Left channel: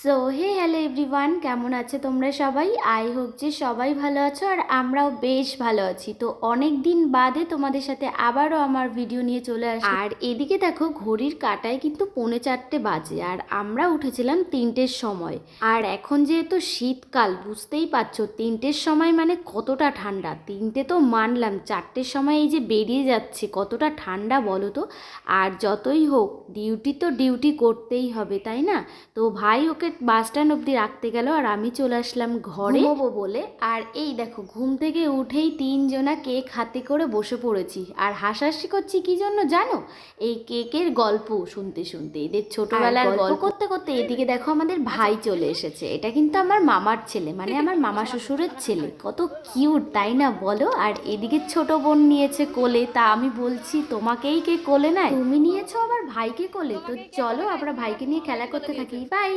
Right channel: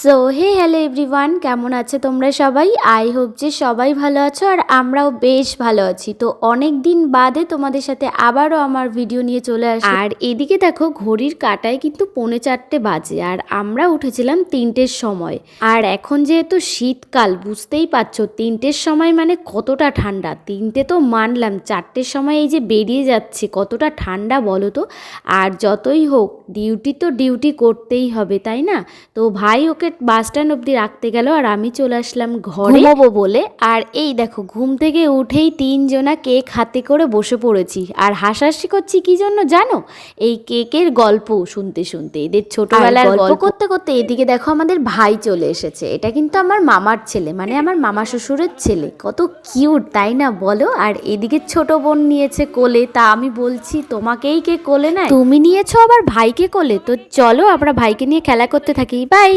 So hey hello everyone, কেমন আছে তোমরা সবাই? আই হোপ যে সবাই ভালো আছো আর আমরাও বেশ ভালো আছি। তো অনেক দিন বাদে তোমাদের সাথে আবারও আমার ভিডিও নিয়ে চলে আসি। আর এদিকে দেখো ঘড়ির কাঁটায় কিন্তু 3:45 বাজে আর আমরা উঠেছিলাম 3টের সময়। আর এখন যেহেতু শীতকাল, বুঝতেই পারছো 3টের সময় মানে কতটা ঠান্ডা। 3টে তো মানলাম, 4টের সময় এই যে বেরিয়ে যাচ্ছে কতটা ঠান্ডা বলো তো। আর যতই হোক ডিউটি তো ডিউটি করতেই হবে, তাই না? তো ভাই ওকে বাস স্ট্যান্ড অবধি রাখতে গেল আর আমি চলে আসলাম ঘরে ঘুমোবো বলে। আর এই দেখো ঘুম থেকে উঠেই তিনজনা কেক হাতে করে বসে পড়েছি আর হাসাহাসি করছি কি জন্য জানো? এই কেকের গল্প শুনতে শুনতে, এদের ছোটবেলার গল্প করতে করতে এদিকে দেখো আমাদের ভাই চলে এসেছে। এটা কিন্তু আমার মামার ছেলে, মানে আমার মামা শ্বশুরের ছেলে। কত কিউট তাই না বলো? আর এদিকে ছোট বোন নিয়েছে কোলে। তা আমি বলছি তোমাকেই কে কোলে নেয়? তুমি নিয়েছো আবার ভাইকে কোলে? তো চলো আমরা ভাইকে নিয়ে খেলা করতে থাকি। বাই।